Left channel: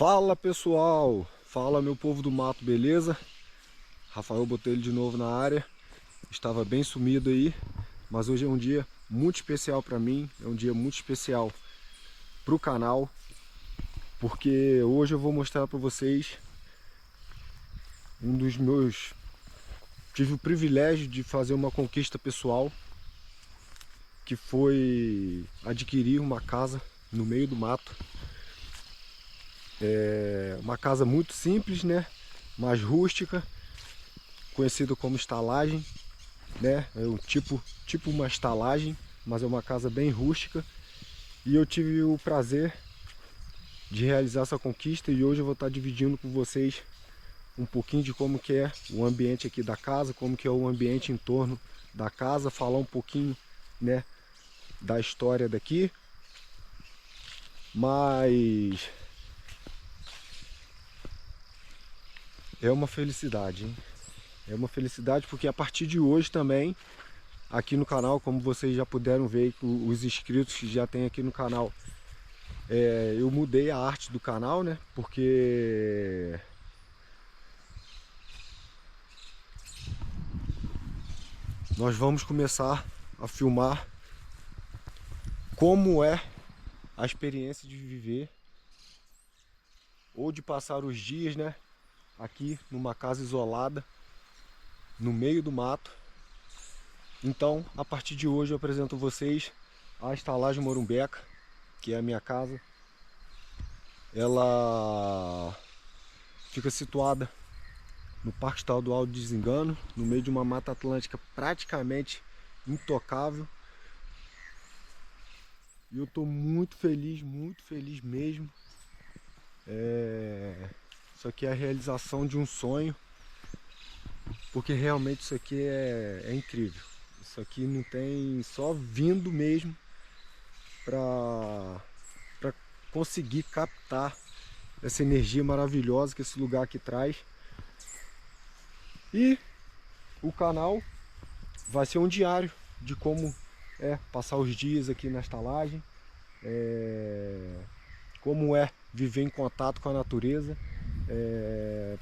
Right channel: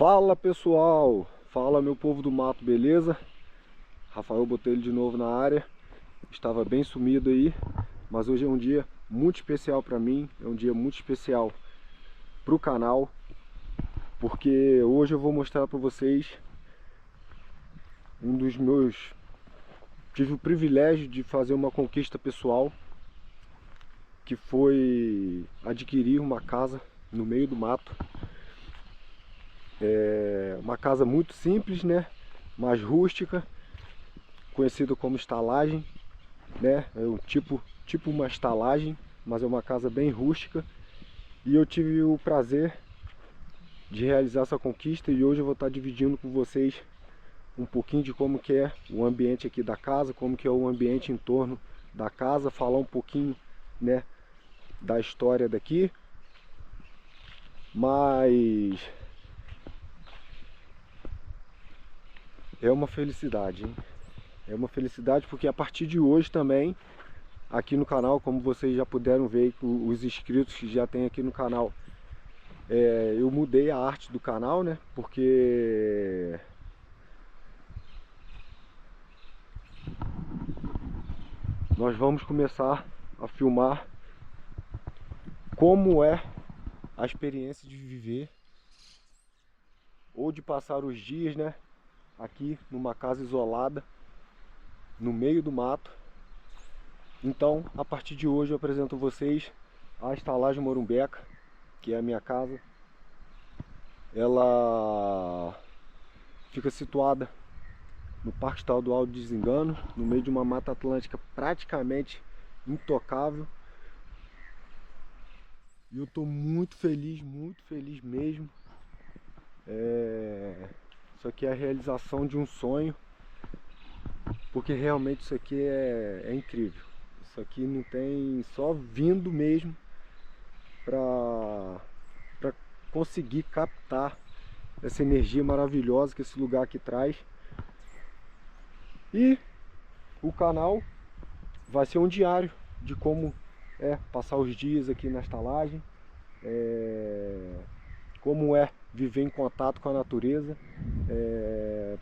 Fala pessoal, fala meu povo do mato, beleza? Rafael Botelho de novo na área. Estava bem sumido aí, mas hoje é um dia muito especial para mim, é um dia muito especial para o canal, porque hoje eu vou mostrar para vocês um dos meus... Tive o privilégio de fazer uma conquista pessoal, que foi adquirir uma casa no meio do mato. É uma casa muito simples, né? Mais rústica, conhecida como estalagem, né? É um tipo uma estalagem, mas é uma casa bem rústica. E eu tive o prazer de realizar essa conquista e hoje eu vou estar dividindo com vocês um pouquinho de como que é o ambiente aqui da casa, como que é o ambiente em torno da casa, falar um pouquinho, né, da história daqui. Mas é uma felicidade, hein? É uma felicidade porque a partir de hoje também, aqui no canal, como vocês já puderam ver, os inscritos que já tem aqui no canal, eu mudei a arte do canal, né? Porque nós vamos começar a filmar como é a experiência de viver ou de passar os dias, né, aqui numa casa isolada, no meio do mato. Então, a partir de hoje eu apresento a vocês a estalagem Morumbeca, que é a minha casa. Ela fica situada no Parque Estadual de Desengano, no meio de uma mata atlântica praticamente intocável. E eu estou muito feliz mesmo. Isso aqui é a realização de um sonho, porque realmente isso aqui é incrível. Isso aqui não tem, só vindo mesmo para conseguir captar essa energia maravilhosa que esse lugar aqui traz. E o canal vai ser um diário de como é passar os dias aqui na estalagem, como é viver em contato com a natureza,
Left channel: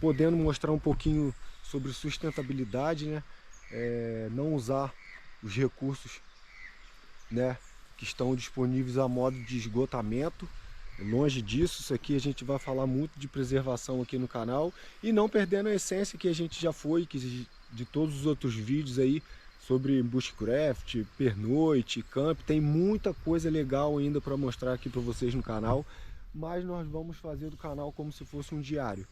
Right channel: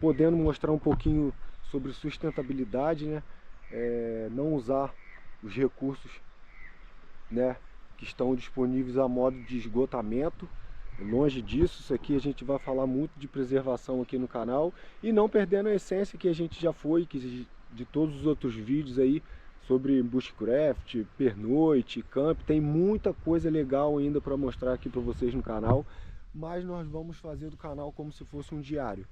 podendo mostrar um pouquinho sobre sustentabilidade, né? Não usar os recursos, né, que estão disponíveis a modo de esgotamento. Longe disso, isso aqui a gente vai falar muito de preservação aqui no canal e não perdendo a essência que a gente já foi, de todos os outros vídeos aí sobre bushcraft, pernoite, camp. Tem muita coisa legal ainda para mostrar aqui para vocês no canal, mas nós vamos fazer do canal como se fosse um diário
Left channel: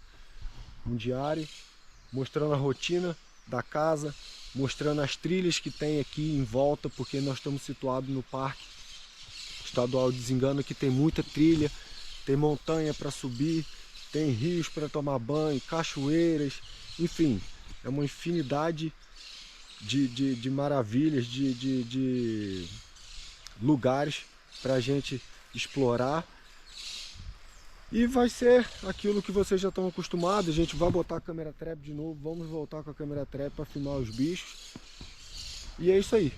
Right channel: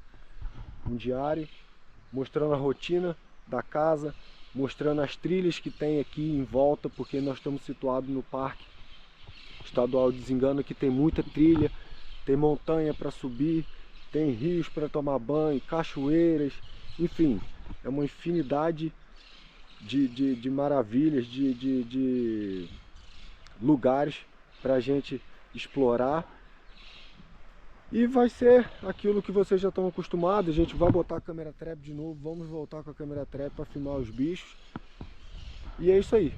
mostrando a rotina da casa, mostrando as trilhas que tem aqui em volta, porque nós estamos situados no Parque Estadual de Desengano, que tem muita trilha, tem montanha para subir, tem rios para tomar banho, cachoeiras, enfim, é uma infinidade de maravilhas, de lugares para a gente explorar. E vai ser aquilo que vocês já estão acostumados. A gente vai botar a câmera trap de novo, vamos voltar com a câmera trap para filmar os bichos. E é isso aí.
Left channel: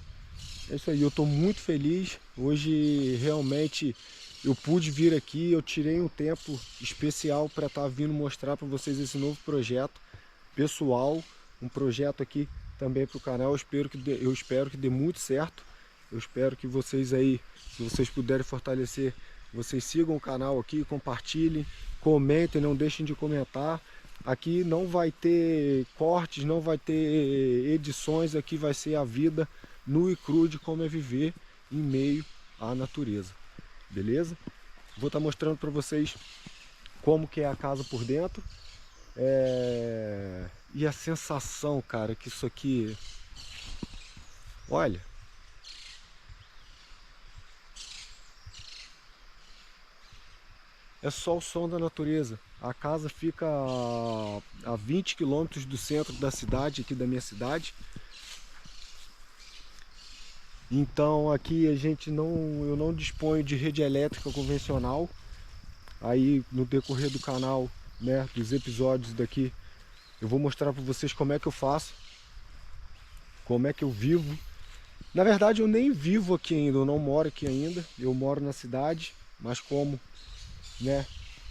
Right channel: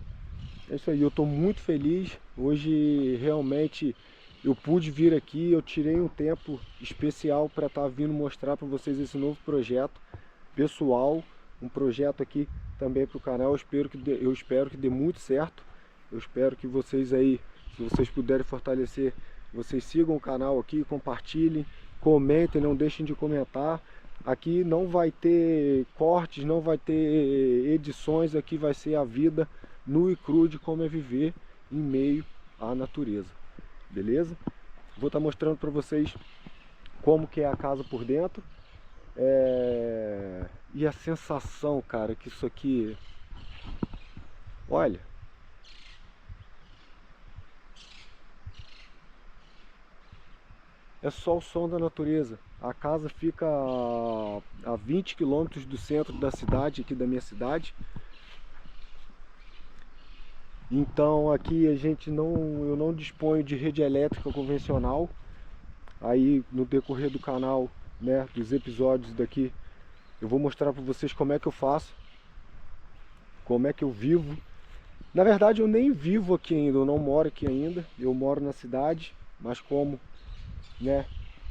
É isso aí, eu estou muito feliz. Hoje realmente eu pude vir aqui, eu tirei um tempo especial para estar vindo mostrar para vocês esse novo projeto pessoal, um projeto aqui também para o canal. Eu espero que dê muito certo. Eu espero que vocês aí, se vocês puderem fortalecer, vocês sigam o canal aqui, compartilhem, comentem, não deixem de comentar. Aqui não vai ter cortes, não vai ter edições, aqui vai ser a vida nu e cru de como é viver em meio à natureza, beleza? Vou estar mostrando para vocês como que é a casa por dentro. E a sensação, cara, que isso aqui... Olha... É só o som da natureza. A casa fica a 20 quilômetros do centro da cidade, aqui da minha cidade. Então aqui eu não disponho de rede elétrica convencional. Aí no decorrer do canal, né, dos episódios daqui, eu vou mostrar para vocês como é que eu faço, como é que eu vivo. Na verdade eu nem vivo aqui ainda, eu não moro aqui ainda. Eu moro na cidade, mas como, né,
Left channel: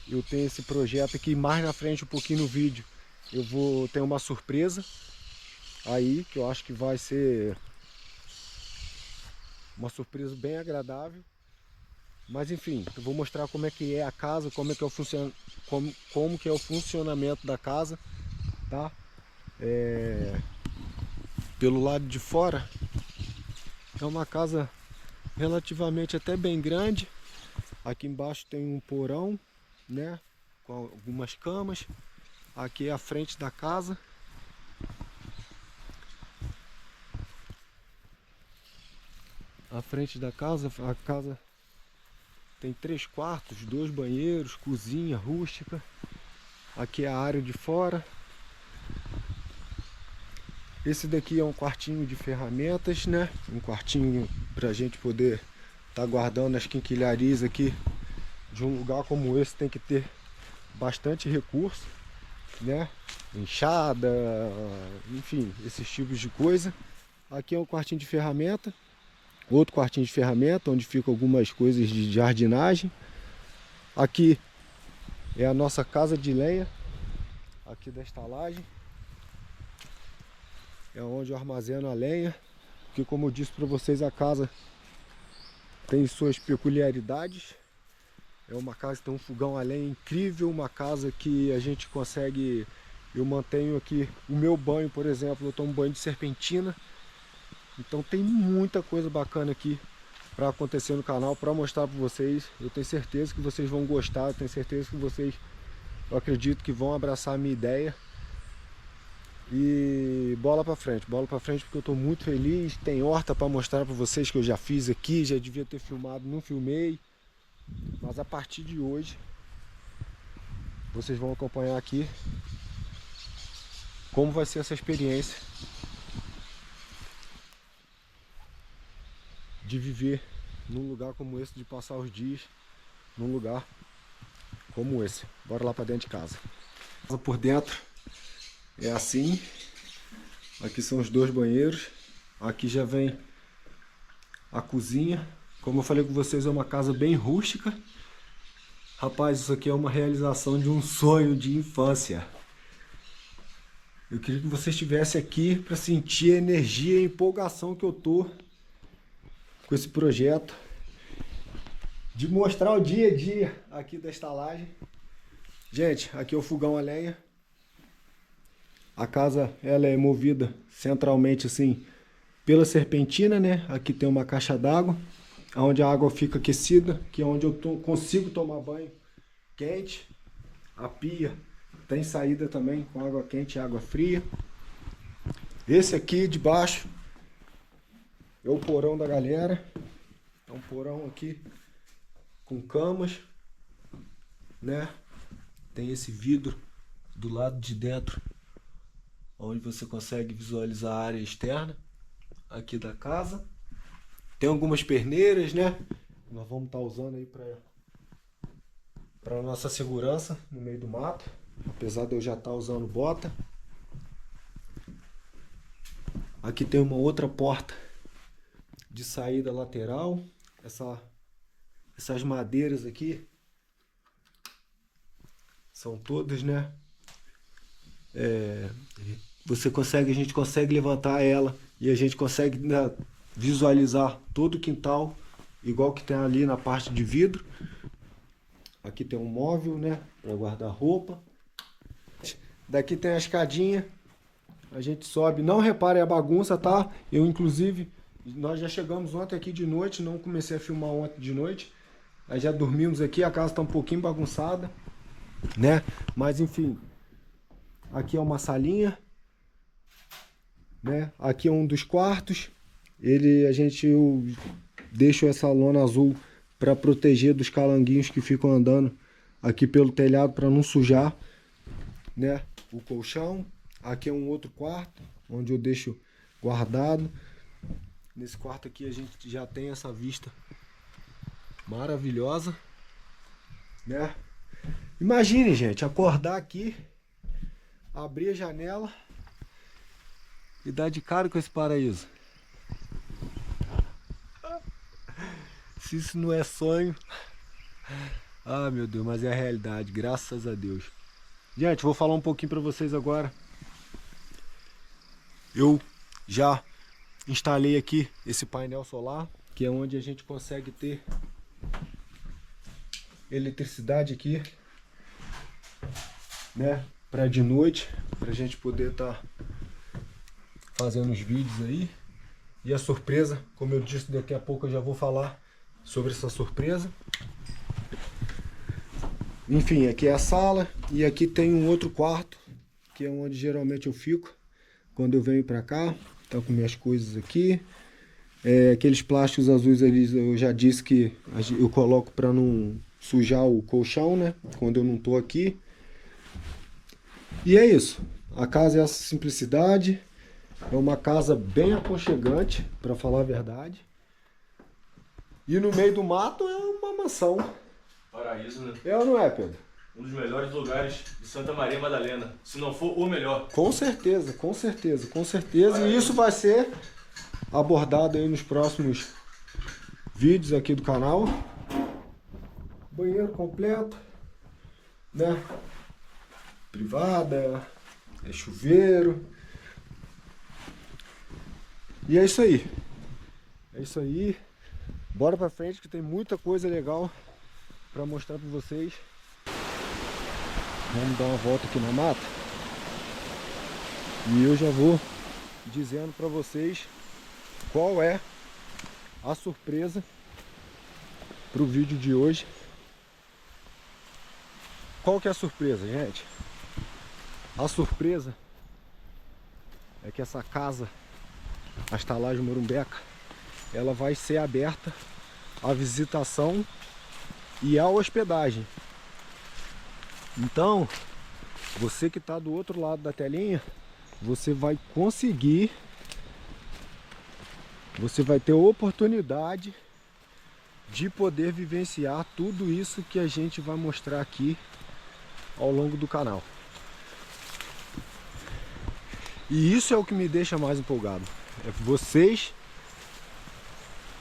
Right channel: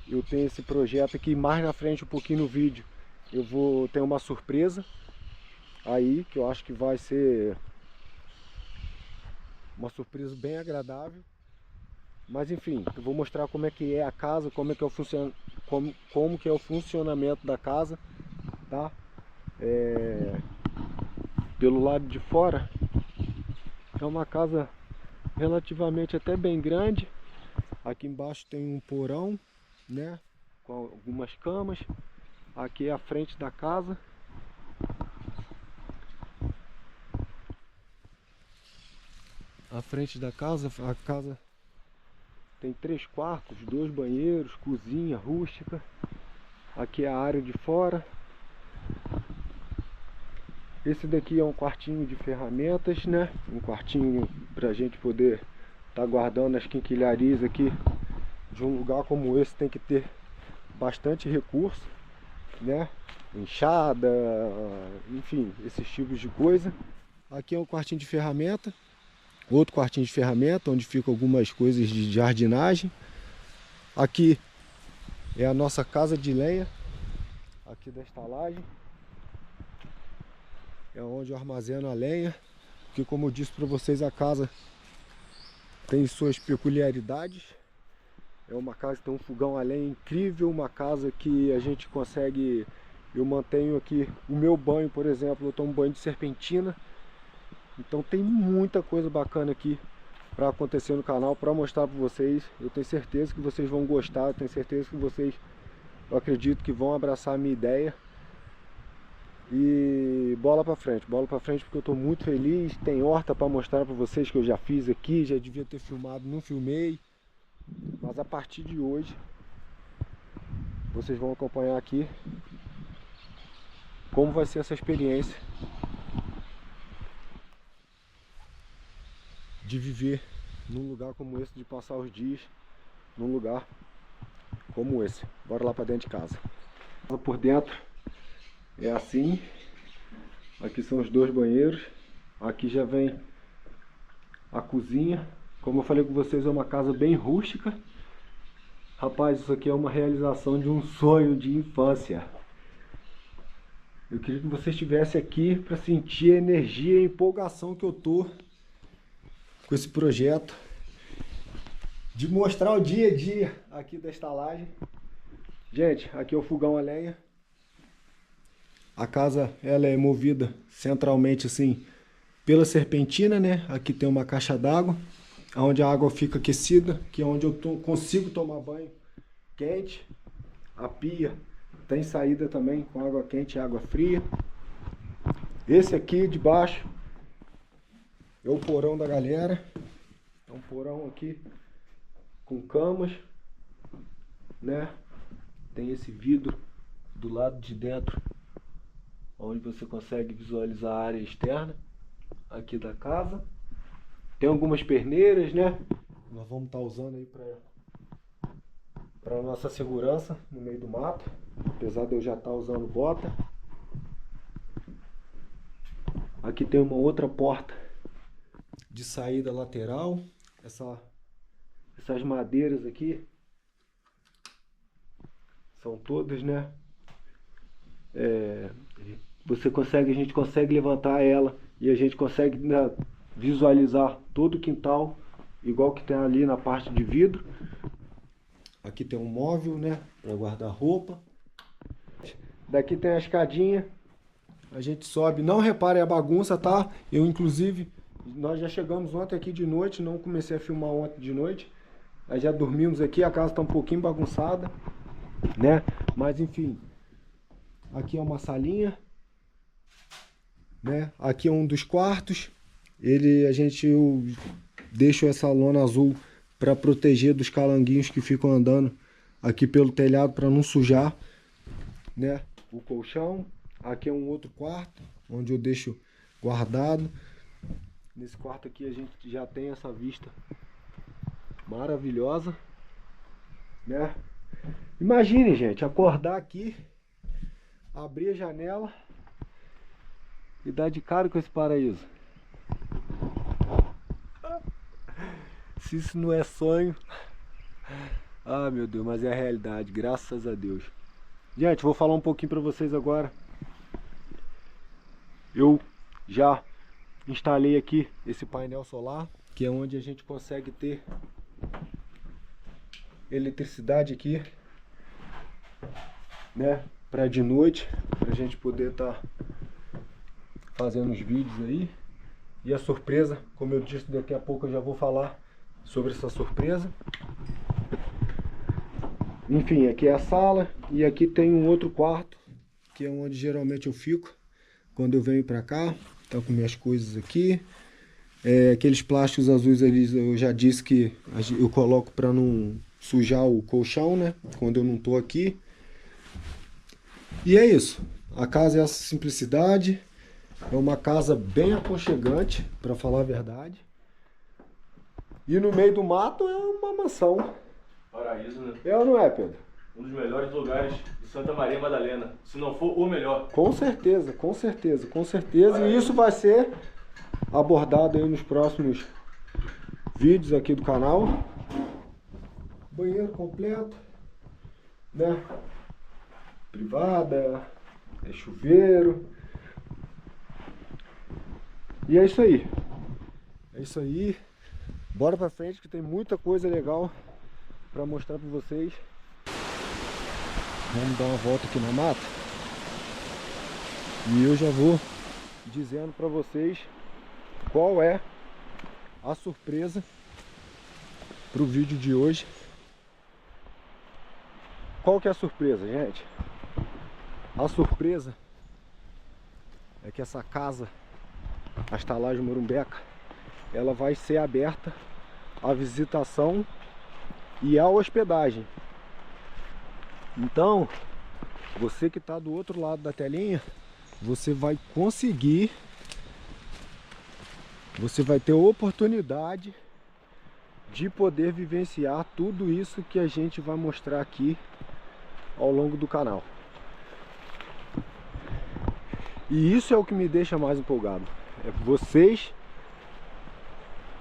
eu tenho esse projeto aqui. Mais na frente, um pouquinho no vídeo, eu vou ter uma surpresa aí, que eu acho que vai ser uma surpresa bem agradável. Mas enfim, eu vou mostrar como é que é a casa, como é que é como que é o funcionamento da casa, tá? Pelo lado de fora é uma casa relativamente até bem grande. Aqui embaixo tem um porão, né, com algumas camas. Aqui é a frente da casa. A frente da casa, a casa tem 3 quartos, 2 banheiros, cozinha rústica. Aqui é a área de fora. Esse daqui é um quartinho de ferramentas, né? Um quartinho para a gente poder estar guardando as quinquilharias aqui. De um lugar como esse tem que ter bastante recurso, né? Enxada, enfim, esses tipos de coisa. Aqui é um quartinho de ferramenta. Outro quartinho de ferramenta, onde ficam algumas coisas de jardinagem. Aqui é a nossa casa de lenha, aqui da estalagem. É onde eu armazeno a lenha, porque como eu disse para vocês, a casa tem suas peculiaridades. É uma casa que tem um fogão a lenha incrível, uma casa que a gente consegue... Eu mantenho aqui o meu banho, por exemplo, eu tomo banho de serpentina. Então tem muita coisa bacana aqui para acontecer no canal, para mostrar para vocês. Eu tenho certeza que vocês vão gostar, eu tenho certeza que vocês, eu acredito que vão abraçar a minha ideia. E bola para frente porque eu estou muito feliz. Tem horta para mostrar para vocês que eu já fiz aqui, já devia ter filmado, não filmei. Mas a partir de hoje, vocês vão acompanhar aqui como vai ser essa experiência de viver num lugar como esse, de passar os dias num lugar como esse. Bora lá para dentro de casa. Por dentro é assim. Aqui são os 2 banheiros. Aqui já vem a cozinha. Como eu falei com vocês, é uma casa bem rústica. Rapaz, isso aqui é uma realização de um sonho de infância. Eu queria que vocês estivessem aqui para sentir a energia e a empolgação que eu tô com esse projeto de mostrar o dia a dia aqui da estalagem. Gente, aqui é o fogão a lenha. A casa ela é movida centralmente assim pela serpentina, né? Aqui tem uma caixa d'água, onde a água fica aquecida, que é onde eu consigo tomar banho quente. A pia tem saída também com água quente e água fria. Esse aqui de baixo é o porão da galera. É um porão aqui com camas, né? Tem esse vidro do lado de dentro, onde você consegue visualizar a área externa aqui da casa. Tem algumas perneiras, né? Nós vamos estar usando aí para nossa segurança no meio do mato, apesar de eu já estar usando bota. Aqui tem uma outra porta de saída lateral. Essas madeiras aqui são todas, né? A gente consegue levantar ela e a gente consegue, né, visualizar todo o quintal, igual que tem ali na parte de vidro. Aqui tem um móvel, né, para guardar roupa. Daqui tem a escadinha. A gente sobe. Não reparem a bagunça, tá? Inclusive, nós já chegamos ontem aqui de noite. Não comecei a filmar ontem de noite. Nós já dormimos aqui. A casa está um pouquinho bagunçada, né? Mas enfim. Aqui é uma salinha, né? Aqui é um dos quartos. Eu deixo essa lona azul para proteger dos calanguinhos que ficam andando aqui pelo telhado, para não sujar, né, o colchão. Aqui é um outro quarto onde eu deixo guardado. Nesse quarto aqui a gente já tem essa vista maravilhosa, né? Imagine, gente, acordar aqui, abrir a janela e dar de cara com esse paraíso. Se isso não é sonho, Ah, meu Deus, mas é a realidade, graças a Deus. Gente, vou falar um pouquinho para vocês agora. Eu já instalei aqui esse painel solar, que é onde a gente consegue ter eletricidade aqui, né, para de noite, pra gente poder estar fazendo os vídeos aí. E a surpresa, como eu disse, daqui a pouco eu já vou falar sobre essa surpresa. Enfim, aqui é a sala e aqui tem um outro quarto, que é onde geralmente eu fico quando eu venho pra cá. Tá com minhas coisas aqui. Aqueles plásticos azuis ali, eu já disse que eu coloco para não sujar o colchão, né? Quando eu não tô aqui. E é isso. A casa é essa simplicidade. É uma casa bem aconchegante, para falar a verdade. E no meio do mato é uma mansão. Paraíso, né? É ou não é, Pedro? Um dos melhores lugares de Santa Maria Madalena, se não for o melhor. Com certeza, com certeza, com certeza. E isso vai ser abordado aí nos próximos vídeos aqui do canal. Banheiro completo, né? Privada, é chuveiro. E é isso aí. É isso aí. Bora pra frente que tem muita coisa legal pra mostrar pra vocês. Vamos dar uma volta aqui na mata. E eu já vou dizendo pra vocês qual é a surpresa pro vídeo de hoje. Qual que é a surpresa, gente? A surpresa é que essa casa, a estalagem Morumbeca, ela vai ser aberta à visitação e à hospedagem. Então, você que está do outro lado da telinha, você vai conseguir, você vai ter a oportunidade de poder vivenciar tudo isso que a gente vai mostrar aqui ao longo do canal. E isso é o que me deixa mais empolgado. É vocês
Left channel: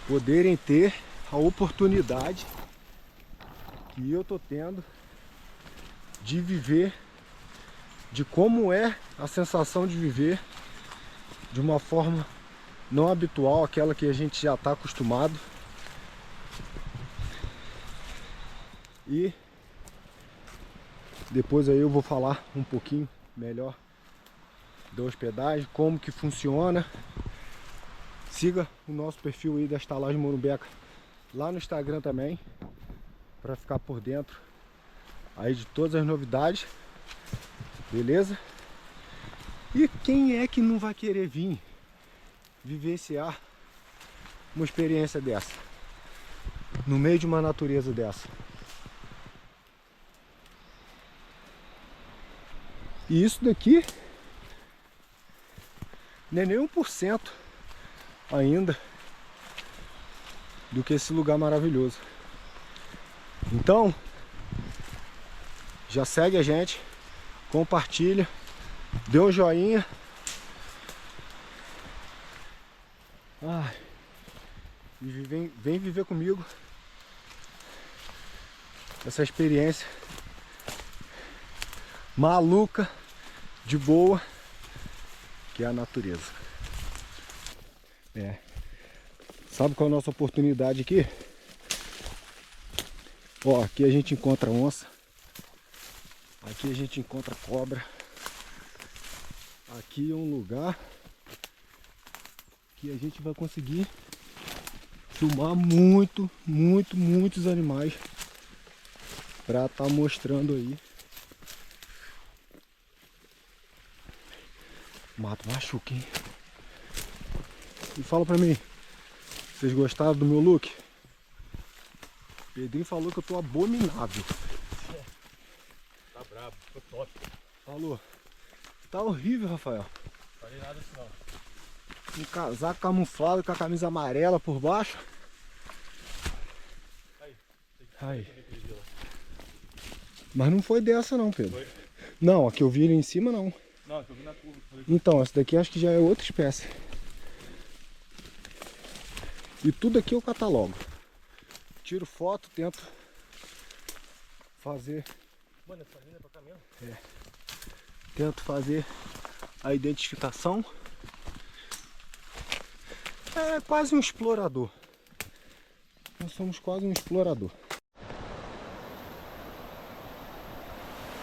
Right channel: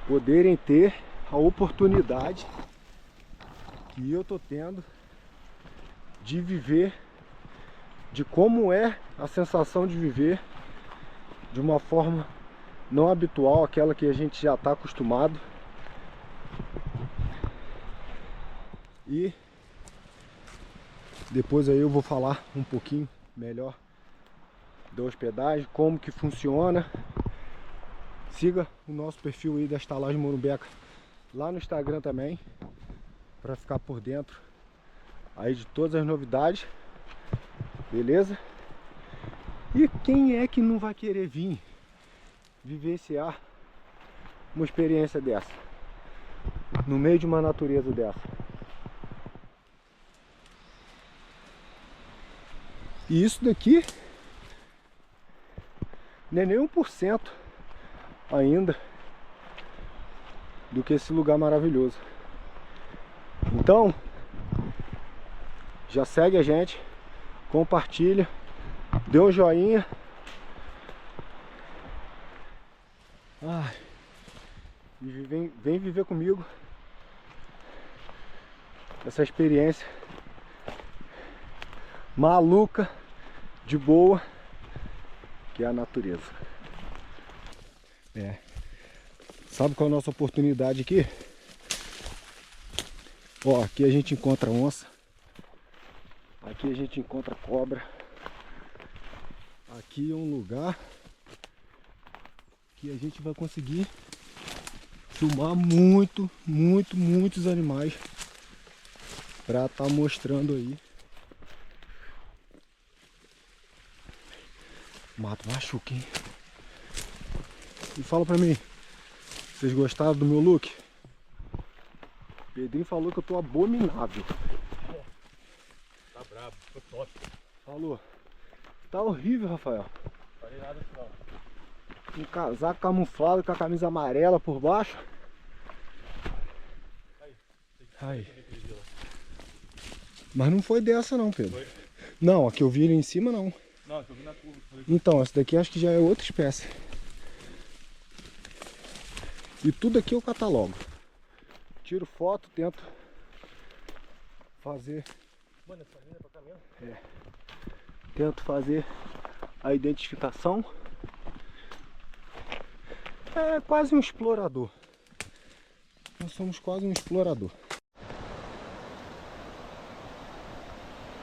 poderem ter a oportunidade que eu tô tendo de viver, de como é a sensação de viver de uma forma não habitual, aquela que a gente já está acostumado. E depois aí eu vou falar um pouquinho melhor da hospedagem, como que funciona. Siga o nosso perfil aí da Estalagem Morumbeca lá no Instagram também, para ficar por dentro aí de todas as novidades, beleza? E quem é que não vai querer vir vivenciar uma experiência dessa, no meio de uma natureza dessa? E isso daqui não é nem 1% ainda do que esse lugar maravilhoso. Então, já segue a gente, compartilha, dê um joinha. E vem viver comigo essa experiência maluca, de boa, que é a natureza. Sabe qual é a nossa oportunidade aqui? Ó, aqui a gente encontra onça, aqui a gente encontra cobra. Aqui é um lugar que a gente vai conseguir filmar muitos animais pra estar mostrando aí. Mato machuca, hein? E fala pra mim, vocês gostaram do meu look? Pedrinho falou que eu tô abominável. Tá brabo, ficou top. Falou. Tá horrível, Rafael. Não falei nada assim não. Um casaco camuflado com a camisa amarela por baixo. Aí. Mas não foi dessa não, Pedro. Foi? Não, a que eu vi ali em cima não. Não, que eu vi na curva. Então, essa daqui acho que já é outra espécie. E tudo aqui eu catalogo. Tiro foto, tento fazer. Mano, essa linha é pra cá mesmo? Tento fazer a identificação. É quase um explorador. Nós somos quase um explorador.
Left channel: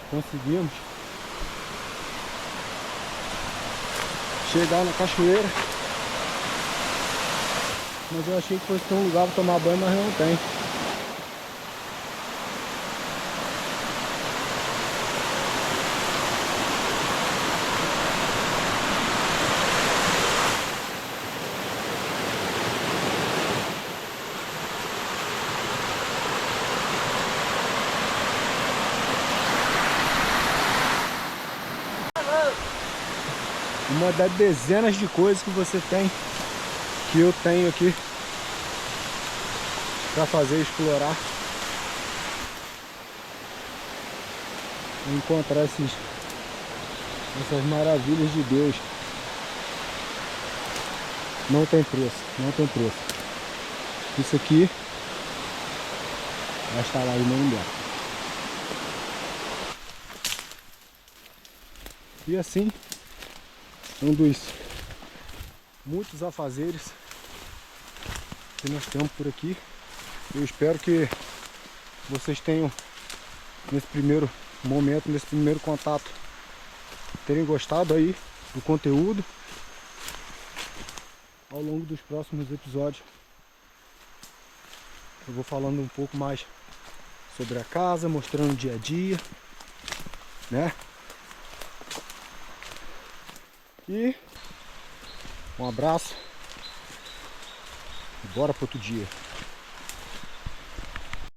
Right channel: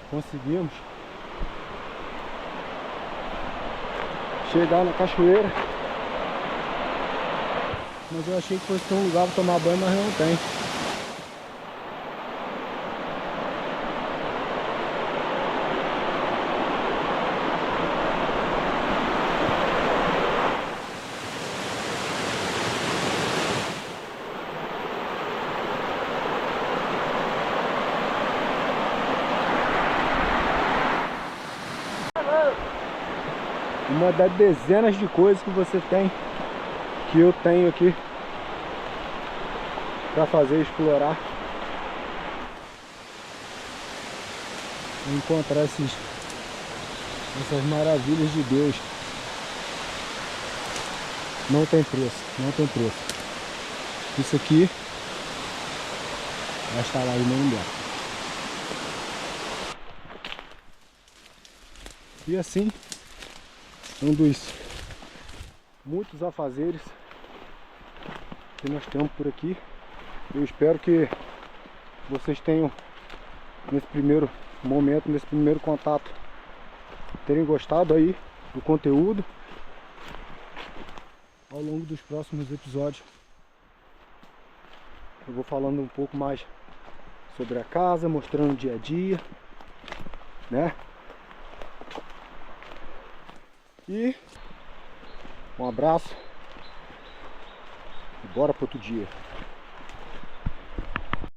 Conseguimos chegar na cachoeira. Mas eu achei que fosse ter um lugar para tomar banho, mas não tem. Uma das dezenas de coisas que você tem, que eu tenho aqui para fazer explorar, encontrar essas maravilhas de Deus. Não tem preço, não tem preço. Isso aqui vai estar lá em nenhum lugar. E assim, um dos muitos afazeres que nós temos por aqui. Eu espero que vocês tenham, nesse primeiro momento, nesse primeiro contato, terem gostado aí do conteúdo. Ao longo dos próximos episódios eu vou falando um pouco mais sobre a casa, mostrando o dia a dia, né? E um abraço e bora para outro dia.